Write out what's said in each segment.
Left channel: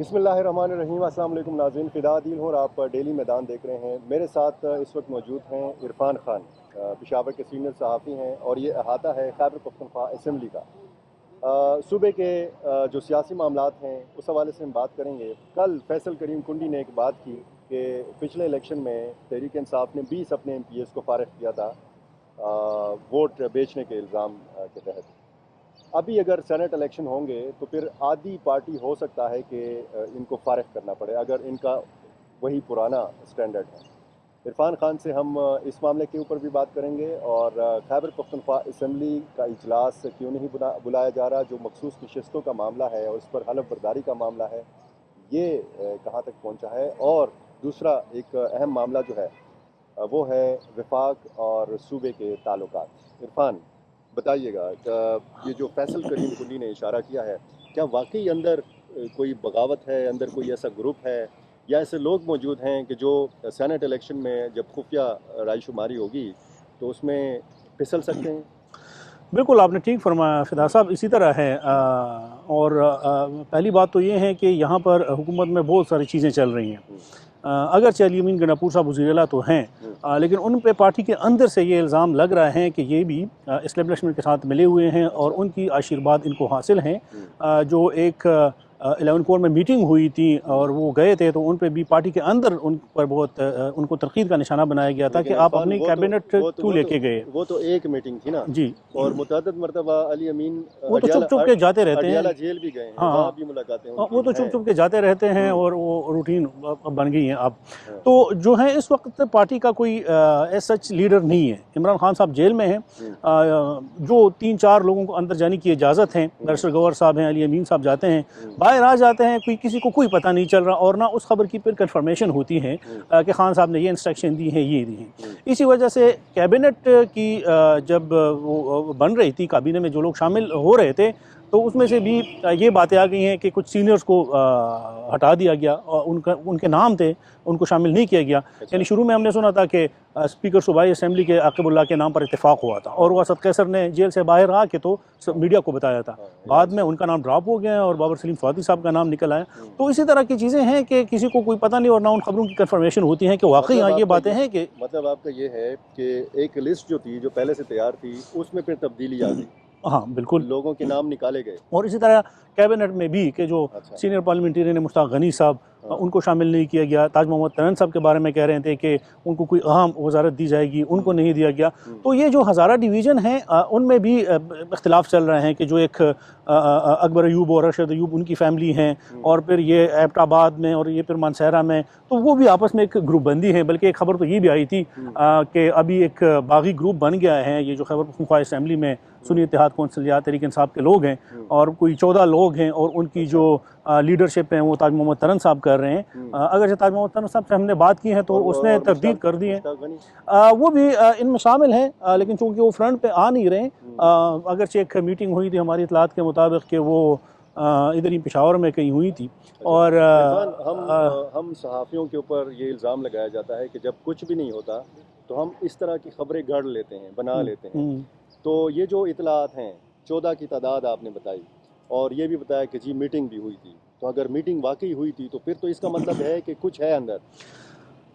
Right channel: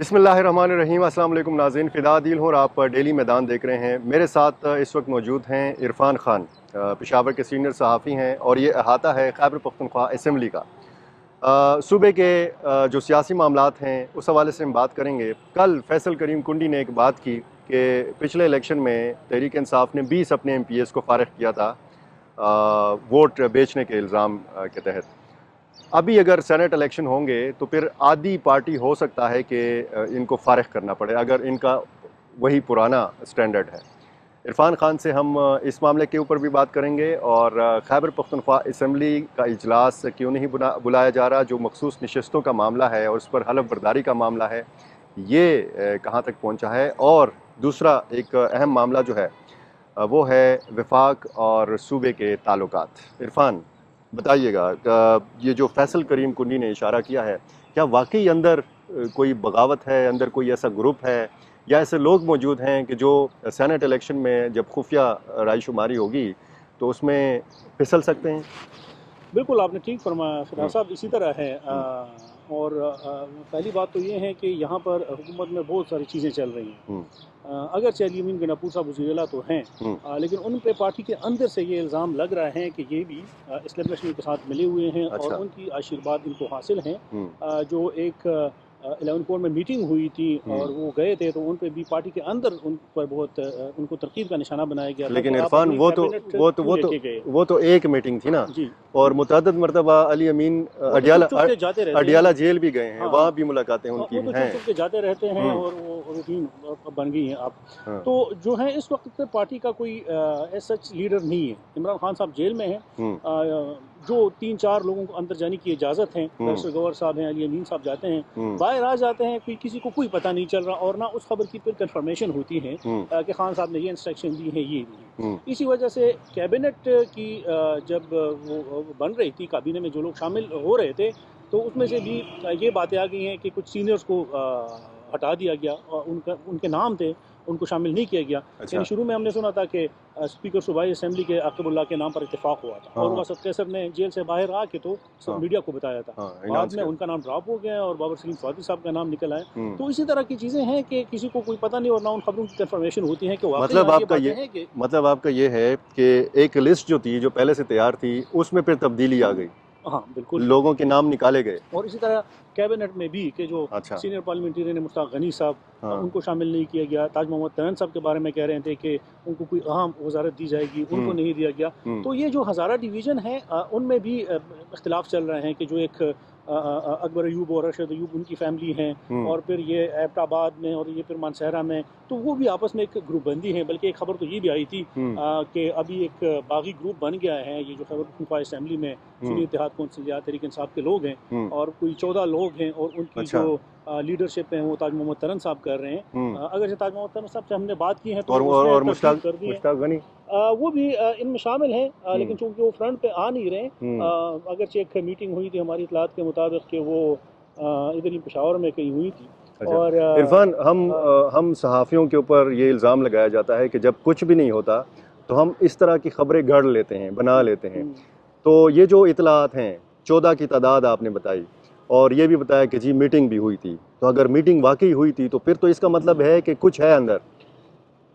बिस्मिल्लाहिर्रहमानिर्रहीम। अस्सलाम वालेकुम नाज़रीन, फ़िदा दिल हूँ और आप डेली मैदान देख रहे हैं। मेरे साथ इस वक्त मौजूद हैं इरफान खान, पेशावर के सीनियर सहाफ़ी हैं और ये अहाता है खैबर पख्तूनख्वा असम्बली का। सूबे के जो सियासी मामलात हैं उस हवाले से हम बात करेंगे। कल फैसल करीम कुंडी ने एक बात की कि पिछले इलेक्शन में तहरीक इंसाफ ने 20 अपने MPs को फ़ारिग किया था वोट बेचने के इल्ज़ाम के तहत। अभी अगर सेनेट इलेक्शन होंगे तो फिर आधी पार्टी हो सकता है कि इनको फ़ारिग करना पड़े अगर इनका वही पुराना स्टैंडर्ड है। इरफान खान से हम इस मामले के ऊपर भी बात करेंगे और खैबर पख्तूनख्वा असम्बली का इजलास क्यों नहीं बुलाया जा रहा, जो मखसूस नशस्तों का मामला है और उस पर हलफ बर्दारी का मामला है, ये कहाँ तक पहुँचा है। और दूसरा एक अहम मामला जो है वो है वफाक और सूबे के ताल्लुकात। इरफान, बताइएगा, ये जो फैसल करीम कुंडी ने इशारा किया है, क्या वाकई अंदर कोई बगावत है, अंदर कोई ऐसा ग्रुप है या ऐसे लोग मौजूद हैं कि जो सेनेट इलेक्शन में जब खुफिया रायशुमारी होगी तो उसमें फिसल सकते हैं? बिल्कुल, आपने ठीक फरमाया फिदा साहब, इसी तरह है। और पहली बात तो ये है कि यहाँ पर हुकूमत में बहुत सारी चीज़ें चल रही हैं। हम्म, अगरचे अली अमीन गंडापुर साहब वज़ीर-ए-आला तो हैं, हम्म, लेकिन उन पे पार्टी के अंदर से ये इल्ज़ाम लग रहा है कि ये भी एस्टेब्लिशमेंट के साथ मिले हुए हैं और अच्छा। उनकी आशीर्वाद इनको हासिल हैं। हम्म, जो एक 11 कोर में मीटिंग हुई थी हम्म। और वो गए थे, तो उन पे भी पार्टी के अंदर उन पर बहुत उनको तनकीद का निशाना बनाया गया था कि लेकिन आप इरफान, अपनी वो तो कैबिनेट वो तो क्यों वो तो लेके गए। वो तो एक मीटिंग थी ना। जी, और मुतअद्दिद मरतबा अली अमीन वो तो चुप चुप के जाते रहते हैं। अडियाला जेल भी गए हैं, हाँ, वहाँ भी मुलाकातें उनकी वो तो हैं। चुप-चुप के जाते रहते हैं हम्म, और वो रूटीन बन गई है अब। हाँ, तो जो है इस वक्त पार्टी का कोई एज़ सच लीडर नहीं है। इमरान खान साहब जेल में हैं। हम्म, जो 3-4 लोगों को अंदर जाने की इजाज़त है, हम्म, बैरिस्टर गौहर साहब हैं, अली अमीन साहब जाते हैं, हम्म, बाहर आ जाते हैं, कोई किसी को कोई पता नहीं चल रहा और ना उस खबर की फिर कन्फर्मेशन होती है हम्म, कि खान साहब ने ये इंस्ट्रक्शन दी है, ये दी है। हम्म, इसी वजह से कैबिनेट की जब वो बन रही थी, काबीने में जो लोग शामिल हो रहे थे, तो उसमें से भी ये बातें आ गई हैं कि कुछ सीनियर्स को हटा दिया गया और उनके नाम थे, उनको शामिल नहीं किया गया। यानी अच्छा। शुरू में हमने सुना था कि स्पीकर सूबाई असम्बली के आकिबुल्लाह के नाम पर इत्तेफाक हुआ था और हाँ, वसत कैसर ने जेल से बाहर आ के तो हाँ, मीडिया को बताया था। हाँ, ऐलान बाद में से। उनका नाम ड्रॉप हो गया और बाबर सलीम स्वाति साहब का नाम निकल आया। हम्म। तो इसी तरह की चीज़ें हैं कि किसी को कोई पता नहीं और ना उन खबरों की कन्फर्मेशन होती है कि वाकई मतलब हाँ ये आपका बातें ये हैं कि मतलब आपका ये है कि एक लिस्ट जो थी, जो पहले से तैयार थी, उसमें फिर तब्दीली आ गई, हाँ, बिल्कुल। लोगों के नाम निकाले गए। और इसी तरह कैबिनेट में भी कि जो अच्छा। सीनियर पार्लियामेंटेरियन है मुश्ताक गनी साहब, हाँ। उनको शामिल नहीं किया गया। ताज मोहम्मद तनन साहब के बारे में कह रहे थे कि उनको कोई अहम वजारत दी जाएगी, उनको हम्म, नहीं दिया गया। हम्म, तो ये जो हज़ारा डिवीज़न है उनमें भी इख्तिलाफ चल रहे हैं कि जो एक अकबर अयूब और अरशद अयूब उनकी फैमिली हैं हम्म, और फिर ये एबटाबाद में और ये फिर मानसहरा में, तो वो भी आपस में एक ग्रुप बंदी है। बल्कि एक खबर तो ये भी आई थी हम्म, कि अभी एक बागी ग्रुप बन गया है, ये जो खैबर पख्तूनख्वा असम्बली में सुन्नी इत्तेहाद कौंसिल या तहरीक इंसाफ के लोग हैं हम्म। और कोई 14 लोग हैं और उनकी अच्छा। जो लीडरशिप है वो ताज मोहम्मद तनन साहब कर रहे हैं। हम्म। अगर ताज मोहम्मद तनन साहब से हमने बात की है तो उसने और तस्दीक मुश्ताक कर दी है। मुश्ताक गनी। वो भी इनमें शामिल हैं, हम्म, लेकिन चूंकि वो फ्रंट पे आ नहीं रहे। हम्म। अगरचे एक मीटिंग हुई थी हमारी इतलात के मुताबिक कि वो इधर ही पेशावर में कहीं हुई थी। अच्छा। और इरफान, हम सहाफ़ियों के ऊपर ये इल्ज़ाम लगाया जाता है कि जब कुछ भी नहीं होता तो हम इस तरह की खबरें गढ़ लेते हैं, बना हम्म, लेते हैं। हम्म, तो ये जो इतलात हैं, 14 की तादाद आपने बताई और ये भी बताया कि जी मीटिंग भी हुई थी। तो अगर मीटिंग वाकई हुई थी तो फिर तो इसका मतलब है कि कुछ है अंदर।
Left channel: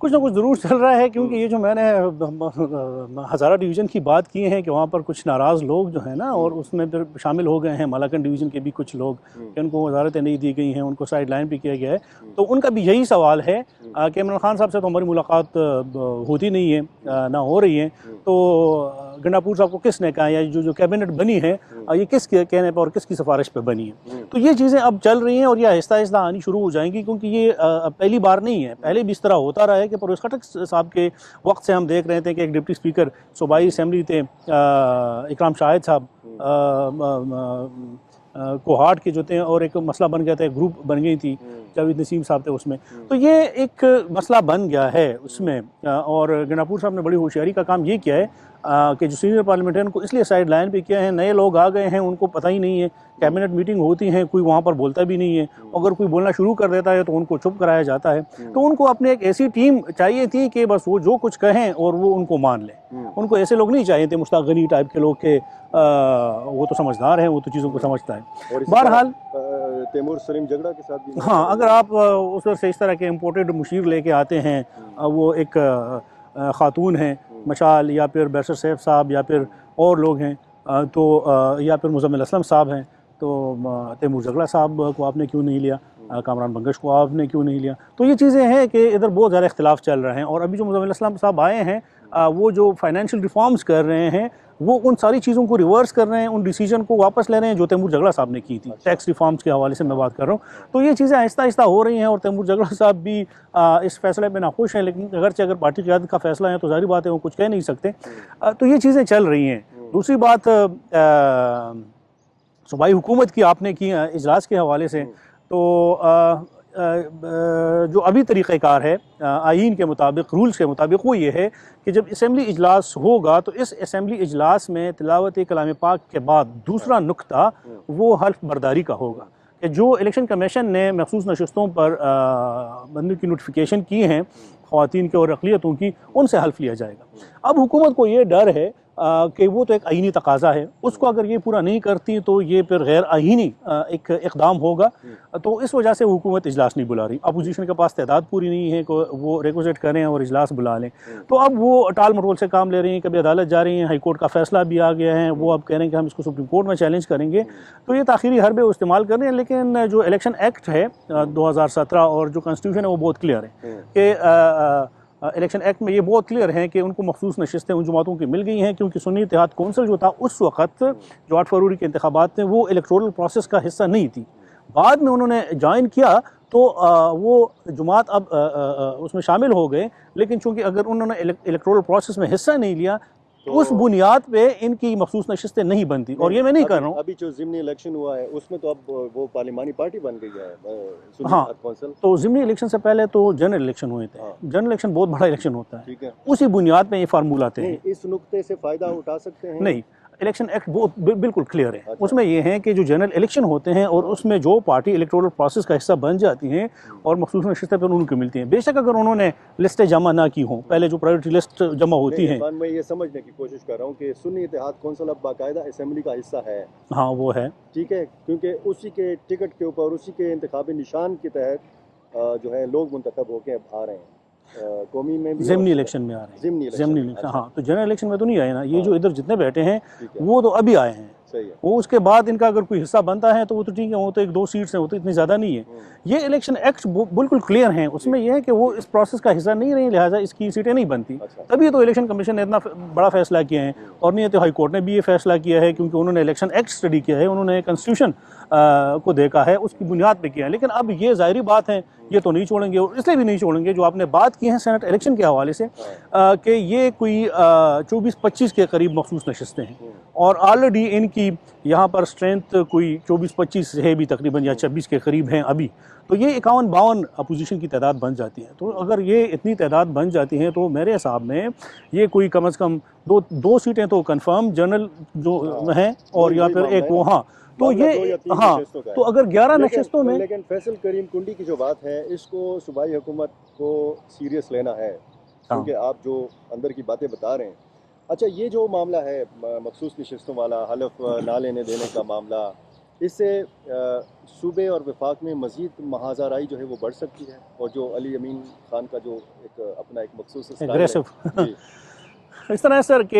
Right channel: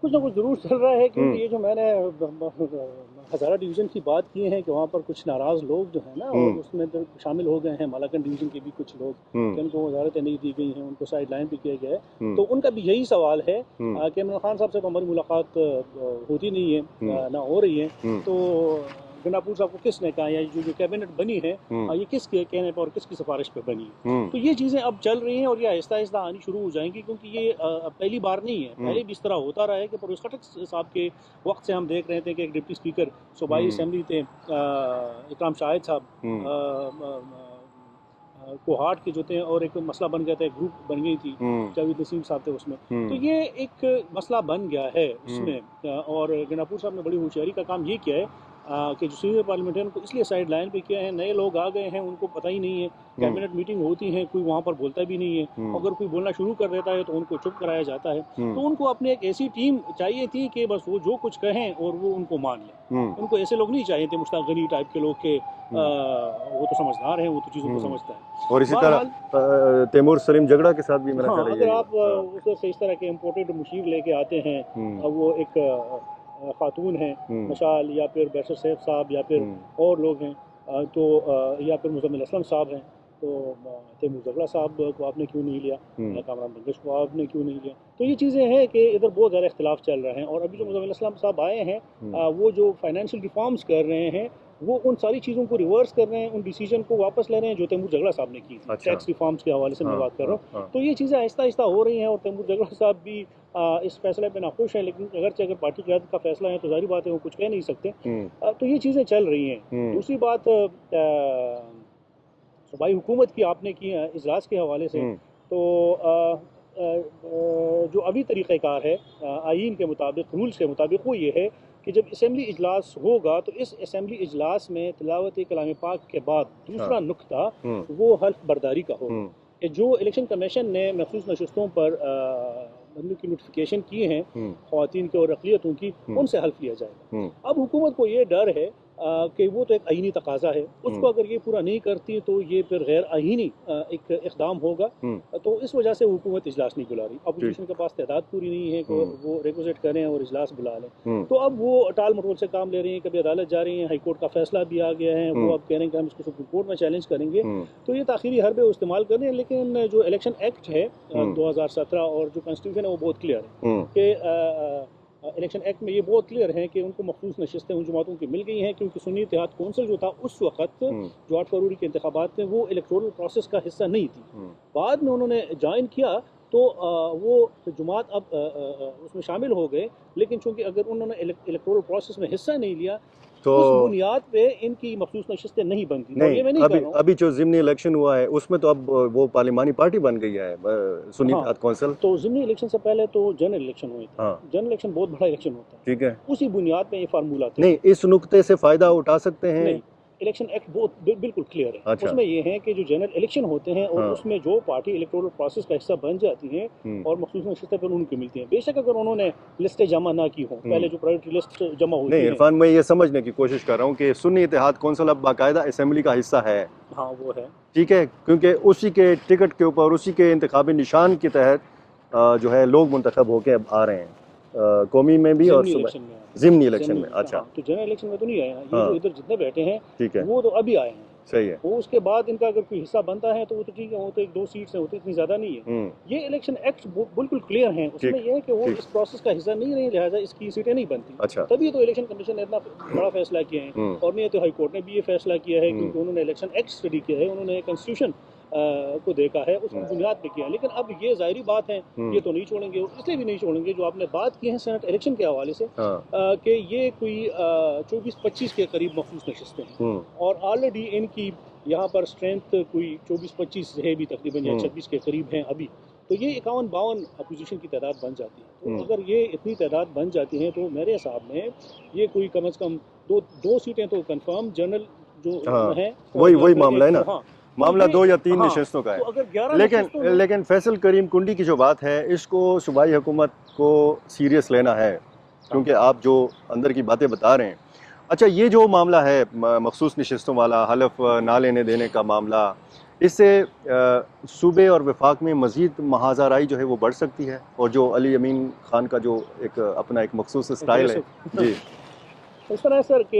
कुछ ना कुछ ज़रूर चल रहा है, क्योंकि हम्म, ये जो मैंने हज़ारा डिवीज़न की बात की है कि वहाँ पर कुछ नाराज़ लोग जो हैं ना, और हम्म, उसमें फिर शामिल हो गए हैं मालाकन डिवीज़न के भी कुछ लोग हम्म, कि उनको वजारतें नहीं दी गई हैं, उनको साइड लाइन भी किया गया है। हम्म, तो उनका भी यही सवाल है हम्म, कि इमरान खान साहब से तो हमारी मुलाकात होती नहीं है, हम्म, ना हो रही है। हम्म, तो गंडापुर साहब को किसने कहा, या जो जो कैबिनेट बनी है हम्म, ये किसके कहने पर और किसकी सिफारिश पर बनी है। हम्म, तो ये चीज़ें अब चल रही हैं और ये आहिस्ता आहिस्ता आनी शुरू हो जाएंगी, क्योंकि ये पहली बार नहीं है। हम्म, पहले भी इस तरह होता रहा है कि परवेज़ खटक साहब के वक्त से हम देख रहे थे कि एक डिप्टी स्पीकर सूबाई हम्म, असम्बली थे, इकराम शाहिद साहब हम्म, कोहाट के जो थे, और एक मसला बन गया था, एक ग्रुप बन गई थी, हम्म, जावेद नसीम साहब थे उसमें। तो हम्म, ये एक मसला बन गया है हम्म, उसमें। और गंडापुर साहब ने बड़ी होशियारी का काम ये किया है कि जो सीनियर पार्लियामेंटेरियन को इसलिए साइड लाइन पे किया है, नए लोग आ गए हैं, उनको पता ही नहीं है, कैबिनेट मीटिंग होती है, कोई वहाँ पर बोलता भी नहीं है, अगर कोई बोलना शुरू कर देता है तो उनको चुप कराया जाता है। तो उनको अपनी एक ऐसी टीम चाहिए थी कि बस वो जो कुछ कहें और वो उनको मान लें। उनको ऐसे लोग नहीं चाहिए थे मुश्ताक गनी टाइप के लोग के, वो तो समझदार हैं, वो तो चीज़ों को समझता है। और इसी बहरहाल तरह तैमूर सलीम झगड़ा के साथ भी हाँ, अगर आप उस से इस तरह के इम्पोर्टेड मुशीर लेके आते हैं, वो एक ख़ातून हैं मशाल, या फिर बैरिस्टर सैफ साहब, या फिर और लोग हैं, तो या फिर मुज़म्मिल असलम साहब हैं, तो तैमूर झगड़ा साहब को आपने क्यों नहीं लिया, कामरान बंगश को आपने क्यों नहीं लिया। तो ये चीज़ें हैं कि इधर बहुत ज़्यादा इख्तिलाफ चल रहे हैं। और अभी जो मुज़म्मिल असलम साहब आए हैं, वो जो फाइनेंशियल रिफॉर्म्स कर रहे हैं, वो उन सारी चीज़ों को रिवर्स कर रहे हैं, उन डिसीजन को वापस ले रहे हैं जो तैमूर झगड़ा साहब ने की थी। अच्छा। टैक्स रिफॉर्म्स के हवाले से मैं बात कर रहा हूँ। तो ये चीज़ें आहिस्ता आहिस्ता हो रही हैं और तैमूर झगड़ा साहब भी इस फैसले में नाखुश हैं, लेकिन अगर पार्टी क़यादत का फैसला है तो ज़ाहिर बात है वो कुछ कह नहीं सकते। तो ये चीज़ें चल रही हैं। दूसरी बात, सूबाई हुकूमत की आपने की इजलास के हवाले से, तो जो अभी तरीक़ाकार है आईन के मुताबिक, रूल्स के मुताबिक, वो ये है कि जब असम्बली इजलास होगा तो इस असम्बली इजलास में तिलावत कलाम पाक के बाद दूसरा नुक्ता वो हल्फ बर्दारी का होगा कि जो इलेक्शन कमीशन ने मखसूस नशस्तों पर बनने की नोटिफिकेशन की हैं ख़वातीन के और अक़लियतों की, उनसे हल्फ लिया जाएगा। अब हुकूमत को ये डर है कि वो तो एक आईनी तकाजा है, उसको अगर ये पूरा नहीं करती तो ये फिर गैर आईनी एक इक़दाम होगा। तो इस वजह से हुकूमत इजलास नहीं बुला रही। अपोजिशन के पास तादाद पूरी नहीं है कि वो रिक्वेस्ट करें और इजलास बुला लें। तो अब वो टाल मटोल से काम ले रही हैं, कभी अदालत जा रही हैं, हाई कोर्ट का फैसला भी आ गया है, वो अब कह रहे हैं कि हम इसको सुप्रीम कोर्ट में चैलेंज करेंगे। तो ये ताख़ीरी हरबे वो इस्तेमाल कर रहे हैं। लेकिन जो इलेक्शन एक्ट है 2017 और जो कॉन्स्टिट्यूशन है वो बहुत क्लियर है कि इलेक्शन एक्ट में ये बहुत क्लियर है कि उनको मखसूस नशस्तें उन जमातों की मिल गई हैं, क्योंकि सुन्नी इत्तेहाद कौंसिल जो था उस वक्त जो 8 फरवरी के इंतखाबात थे वो इलेक्टोरल प्रोसेस का हिस्सा नहीं थी। बाद में उन्होंने ज्वाइन किया तो वो जमात अब उसमें शामिल हो गए, लेकिन चूँकि अगर उन्होंने इलेक्टोरल प्रोसेस में हिस्सा नहीं लिया तो उस बुनियाद पे इनकी मखसूस नशिस्तें नहीं बनती। और ये मैं नहीं कर रहा हूँ, अभी जो ज़िमनी इलेक्शन हुआ है उसमें तो अब वो पार्लिमानी पार्टी बन गई है सुन्नी इत्तेहाद कौंसिल। तो ज़िमनी इलेक्शन से पहले तो जनरल इलेक्शन हुए थे। जनरल इलेक्शन बहुत बड़ा इलेक्शन होता है, ठीक है, उसी बुनियाद पे ये फार्मूला थे। नहीं, इस नुक्ते से फ़ायदा उठा सकते हैं? नहीं, इलेक्शन एक्ट बहुत बिल्कुल क्लियर है। अच्छा। उसमें ये है कि जो जनरल इलेक्शन होते हैं और उसमें जो पार्टी इलेक्टोरल प्रोसेस का हिस्सा बन जाती हैं और मखसूस नशिस्तें पर उनको मिलती हैं, बेशक अगर उन्होंने लिस्टें जमा ना की हों, पहले जो प्रायोरिटी लिस्ट जमा होती है। इरफान, मैं ये समझने की कोशिश कर रहा हूँ कि सुन्नी इत्तेहाद कौंसिल अब बाकायदा असेंबली का हिस्सा है। हाँ, वो है, ठीक है, क्योंकि उसी के टिकट के ऊपर, उसी के इंतखाबी निशान के तहत जो है लोग मुंतखब होकर आ रहे हैं। कौमी में भी ज़िमनी इलेक्शन में आ रहे हैं। ज़िमनी इलेक्शन में, अच्छा। हाँ, तो जनरल इलेक्शन में तो नहीं आए ना, ये जो इधर जितने बैठे हैं ठीक है, वो तो अभी आए हैं। सही है। वो उसके बाद इनका अगर कोई हिस्सा बनता है तो वो तो ठीक है, वो तो 1-2 सीट्स हैं, वो तो इतनी ज़्यादा नहीं है। ये इलेक्शन एक्ट बिल्कुल क्लियर हैं, उसमें यह है कि वो इस प्रोसेस का हिस्सा नहीं रही, लिहाजा इसकी सीटें नहीं बनती। अच्छा। तभी तो इलेक्शन कमीशन ने इतना बड़ा फैसला किया है, और नहीं तो हाई कोर्ट ने भी ये फैसला किया है, क्योंकि उन्होंने इलेक्शन एक्ट स्टडी किया है, उन्होंने कॉन्स्टिट्यूशन को देखा है, उसकी बुनियाद पे किया है। लेकिन अब ये ज़ाहिरी बात है, ये तो नहीं छोड़ेंगे, और इसलिए भी नहीं छोड़ेंगे जो आपने बात की है सेनेट इलेक्शन के हवाले से, कि ये कोई 24-25 के करीब मखसूस नशिस्तें हैं, और ऑलरेडी इनकी यहाँ पर स्ट्रेंथ कोई 24-25 है भी तकरीबन, या 26 के करीब हैं अभी। तो ये 51-52 अपोजिशन की तादाद बन जाती है। तो अगर ये इतनी तादाद बन जाती है तो मेरे हिसाब में ये कोई कम अज़ कम दो सीटें तो कंफर्म जनरल जो हैं, और या फिर एक मामला 2 या 3 नशिस्तों का है। तो अगर 11 नशिस्तों में, लेकिन फैसल करीम कुंडी की जो बात है, इसको सूबाई हुकूमत को सीरियस लेना है, क्योंकि आप जो अंदर की बातें बता रहे हैं। अच्छा, ये जो मामला है मखसूस नशिस्तों वाला, हलफ ना लेने देने का मामला, इससे सूबे और वफाक में मज़ीद महाज़ाराई जो है वो बढ़ सकती है, और जो अली अमीन खान का जो एक अपना एक मखसूस स्टाइल है जी, इस तरह सर कि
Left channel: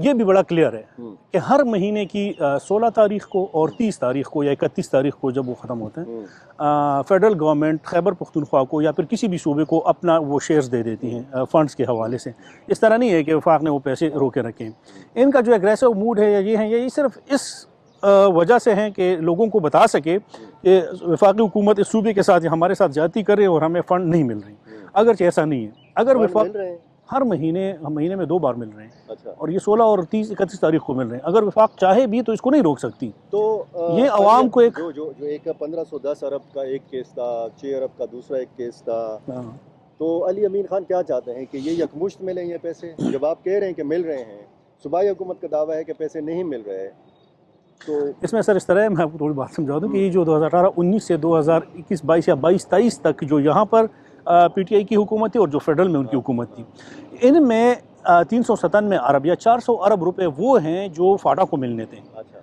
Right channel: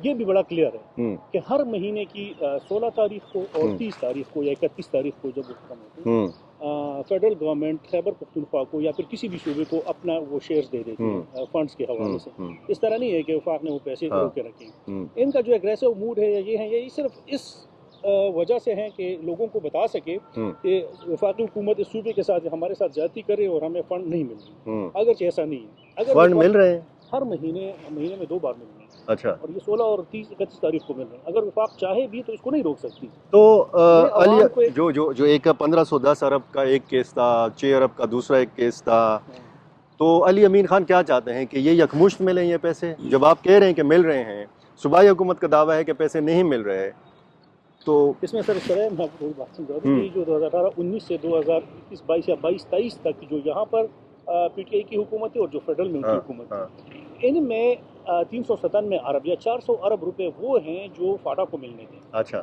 ये भी बड़ा क्लियर है कि हर महीने की 16 तारीख को और 30 तारीख को या 31 तारीख को जब वो ख़त्म होते हैं, फेडरल गवर्नमेंट खैबर पख्तूनख्वा को या फिर किसी भी सूबे को अपना वो शेयर्स दे देती हैं फंड्स के हवाले से। इस तरह नहीं है कि वफाक ने वो पैसे रोके रखे। इनका जो एग्रेसिव मूड है या ये है, ये सिर्फ इस वजह से हैं कि लोगों को बता सके कि वफाकी हुकूमत इस सूबे के साथ या हमारे साथ ज्यादती कर रही है और हमें फ़ंड नहीं मिल रही। अगर ऐसा नहीं है, अगर मिल रहे हैं हर महीने में 2 बार मिल रहे हैं। अच्छा। और ये 16 और 31 तारीख को मिल रहे हैं। अगर वफाक चाहे भी तो इसको नहीं रोक सकती। तो ये अवाम को एक जो एक 1510 अरब का एक केस था, 6 अरब का दूसरा एक केस था, तो अली अमीन खान क्या चाहते हैं कि ये यकमुश्त मिलें ये पैसे? जब आप कह रहे हैं कि मिल रहे हैं, सूबाई हुकूमत का दावा है कि पैसे नहीं मिल रहे, तो इसमें सर इस तरह है, मैं आपको थोड़ी बात समझा दूँ कि ये जो 2018-19 से 2021-22 या 22-23 तक जो यहाँ पर पीटीआई की हुकूमत थी और जो फेडरल में उनकी हाँ, हुकूमत हाँ, थी, इनमें 397 अरब या 400 अरब रुपए वो हैं जो फाटा को मिलने थे अच्छा,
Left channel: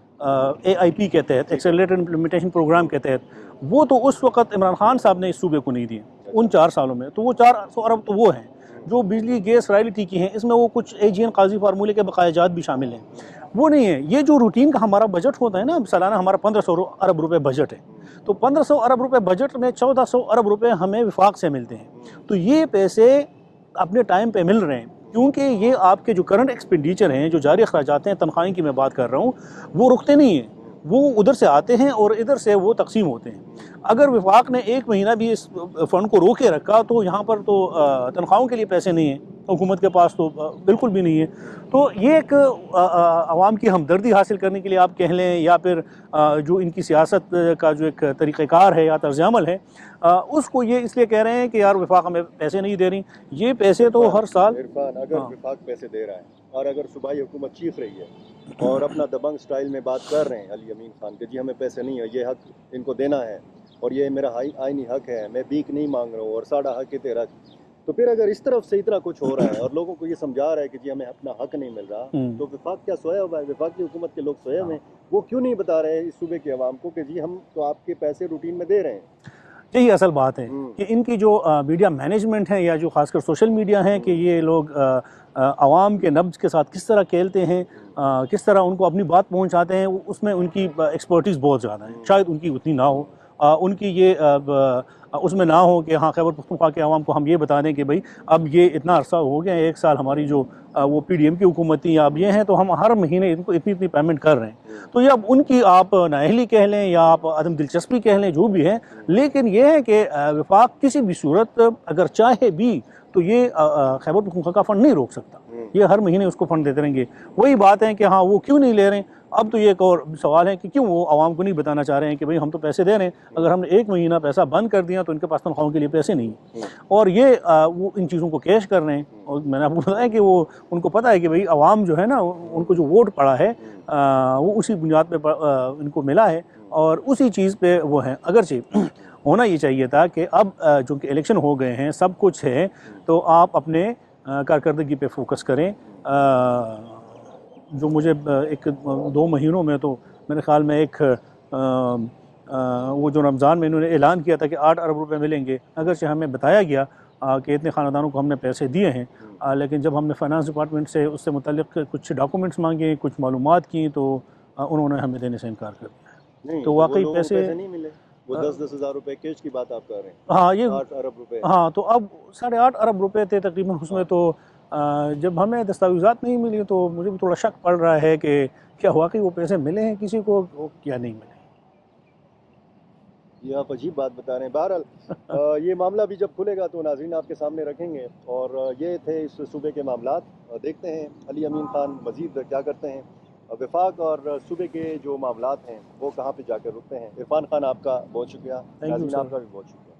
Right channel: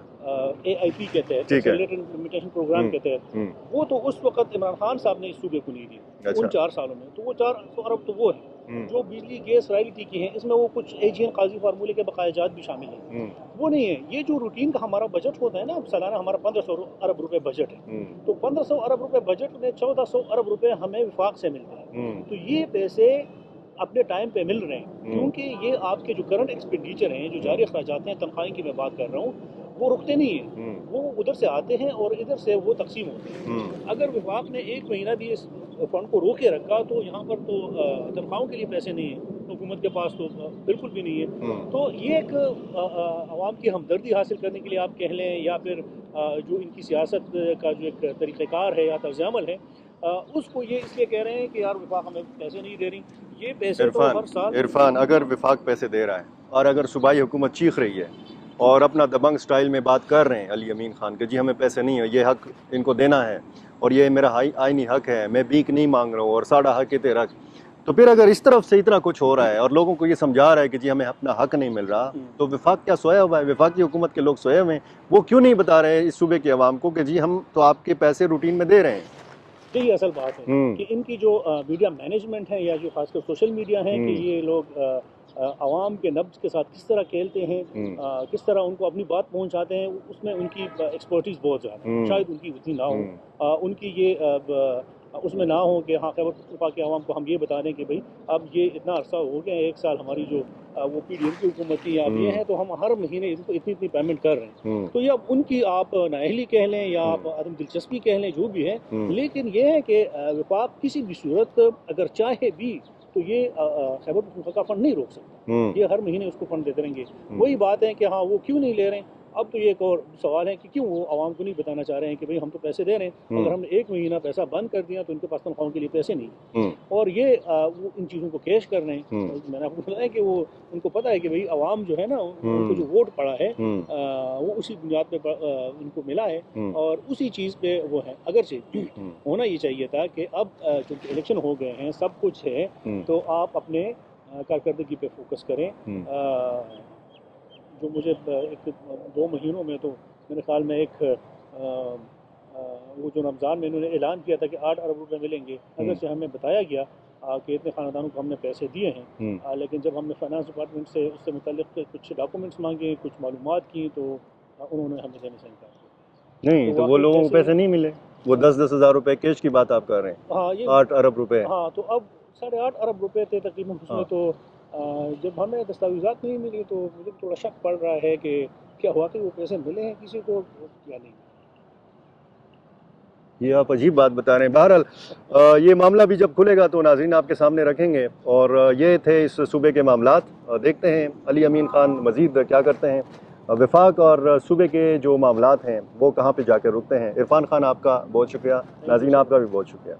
AIP के तहत, ठीक है। एक्सेलरेटेड इम्प्लीमेंटेशन प्रोग्राम के तहत। हम्म, वो तो उस वक्त इमरान खान साहब ने इस सूबे को नहीं दिए उन अच्छा, 4 सालों में, तो वो 400 अरब तो वो हैं हम्म, जो बिजली गैस रॉयल्टी की हैं। इसमें वो कुछ AGN काजी फार्मूले के बकायाजात भी शामिल हैं, वो नहीं है। ये जो रूटीन का हमारा बजट होता है ना, सालाना हमारा 1500 अरब रुपए बजट है, तो 1500 अरब रुपए बजट में 1400 अरब रुपए हमें विफाक से मिलते हैं। तो ये पैसे अपने टाइम पे मिल रहे हैं, क्योंकि ये आपके जो करंट एक्सपेंडिचर हैं, जो जारी अखराजात हैं, तनख्वाहें की मैं बात कर रहा हूँ, वो रुकते नहीं हैं, वो उधर से आते हैं और इधर से वो तकसीम होते हैं। अगर विफाक ने एक महीना भी इस फ़ंड को रोके रखा तो यहाँ पर तो तनख्वाहों के लिए पैसे नहीं हैं, हुकूमत के पास तो बिल्कुल भी नहीं है। तो ये एक आवाम की हमदर्दी हासिल करने के लिए आप कह लें, या फिर जो इनकी सियासत का जो एक तरीक़ेकार है या तर्ज़-ए-अमल है, उसको ये इसलिए कह रहे हैं कि यार विफाक हमें पैसे नहीं दे रही। ये पैसे तो हर साल इरफान, अगर विफाक पैसे दे रहा है और अगर सूबाई हुकूमत चीख रही है और अपना दबंग स्टाइल में बात कर रहे हैं अली अमीन खान के, जी हमें पैसे नहीं है, ये हक इनको देना है और ये मेरा आईनी हक है, मैं भीख नहीं मांग रहा हूँ और साड़ा हक है तेरा, तो फिर अगर इस तरफ से इतना कुछ हो रहा है और लोगों को ये समझा रहा है कि जी हमें अपना हक नहीं मिल रहा, तो विफाक क्या सोया हुआ है? विफाक की हुकूमत के लोग सोए हुए हैं, वो क्यों नहीं बता रहे हैं इस सूबे के अवाम को कि जी हम तो आपके पैसे रूटीन में दे रहे हैं? यही असल बात है कि इनकी जो मीडिया मैनेजमेंट है या जो खासकर सोशल मीडिया है, कि ये लोग आवाम के नब्ज के साथ किस तरह खेलते हैं, किस तरह उनको अपनी बात पहुंचाते हैं, उसमें उनकी एक्सपर्टीज़ बहुत ज़्यादा है। शायद उनकी उतनी ना हो, उनकी ये उसमें ना हो कि हाँ, खैबर पख्तूनख्वा के अवाम को हम ये बता दें कि भाई अब ये इतना अरसा हो गया, 1 साल हमारी जो वो PDM की हुकूमत थी, अब ये हैं, तो हम हर महीने इनको इतनी इतनी पेमेंट कर रहे हैं। तो ये अब उनकी आप नाअहली कह लें या आप अदम दिलचस्पी कह लें, जो भी है, लेकिन ये है कि विफाक किसी भी सूरत अगर चाहे भी तो ये खैबर पख्तूनख्वा का फ़ंड नहीं रोक सकता। ये हर महीने उसको फ़ंड देते रहेंगे। वही बात है कि हाँ, वो क्यों नहीं ले रहे हैं। अब तो ये एक और सवाल है कि क्यों वो आवाम को नहीं बताना चाह रहे हैं कि भाई हम तो पैसे दे रहे हैं, अगर हमने 1 महीना पैसा बंद कर दिया तो इनके पास तनख्वाहों के लिए पैसे नहीं हैं। और ये वो इन चीज़ों को कैश कर रहे हैं। और मैंने आपको बताया कि वो उनको पता है कि भाई आवाम जो है ना, उनको जो वोट पड़ा है वो उसी बुनियाद पे इनको मिला है और उसी चीज़ पे वो हैं। अगरचे होना ये चाहिए था कि अब चूँकि इलेक्शन हो गए हैं, सब कुछ है, तो आप अपने कारकर्दगी पे फोकस करें। जो मुझे 1-2 महीनों में तो मेरे ख्याल में वो जो रमज़ान में इन्होंने ऐलान किया था कि 8 अरब रुपए मिलेंगे, अगरचे हमें बताया गया कि इतने ख़ानदानों को हमने पैसे दिए हैं, लेकिन जब हमने फाइनेंस डिपार्टमेंट से उससे मुतल्लिक़ कुछ डॉक्यूमेंट्स मांगे, कुछ मालूमात की, तो उन्होंने हमें देने से इनकार कर दिया। नहीं, तो वो लोगों को पैसे नहीं मिले, वो 10-10 हज़ार रुपए कैश की बात आप कर रहे हैं। हाँ, ये 8 अरब रुपए। हाँ, तो अब 8.5 अरब रुपए थे तकरीबन उसमें। तो जब हमें दस्तावेज़ात नहीं मिली तो मुझे भी थोड़ा शक पड़ रहा है कि क्या वाकई वो पैसे मिले हैं किसी को या नहीं मिले। ये आप अजीब बात बता रहे हैं। बहरहाल ये मामला भी जब खुलेगा तो नाज़रीन आपके सामने रखेंगे। और ये थे इस सूबे के मामलात। देखते हैं अली अमीन खान मज़ीद क्या करते हैं। वफाक और सूबे के जो मामलात हैं वो कहाँ पे जाकर रुकते हैं। इरफान खान आपका बहुत शुक्रिया, नाज़रीन आपका भी बहुत शुक्रिया।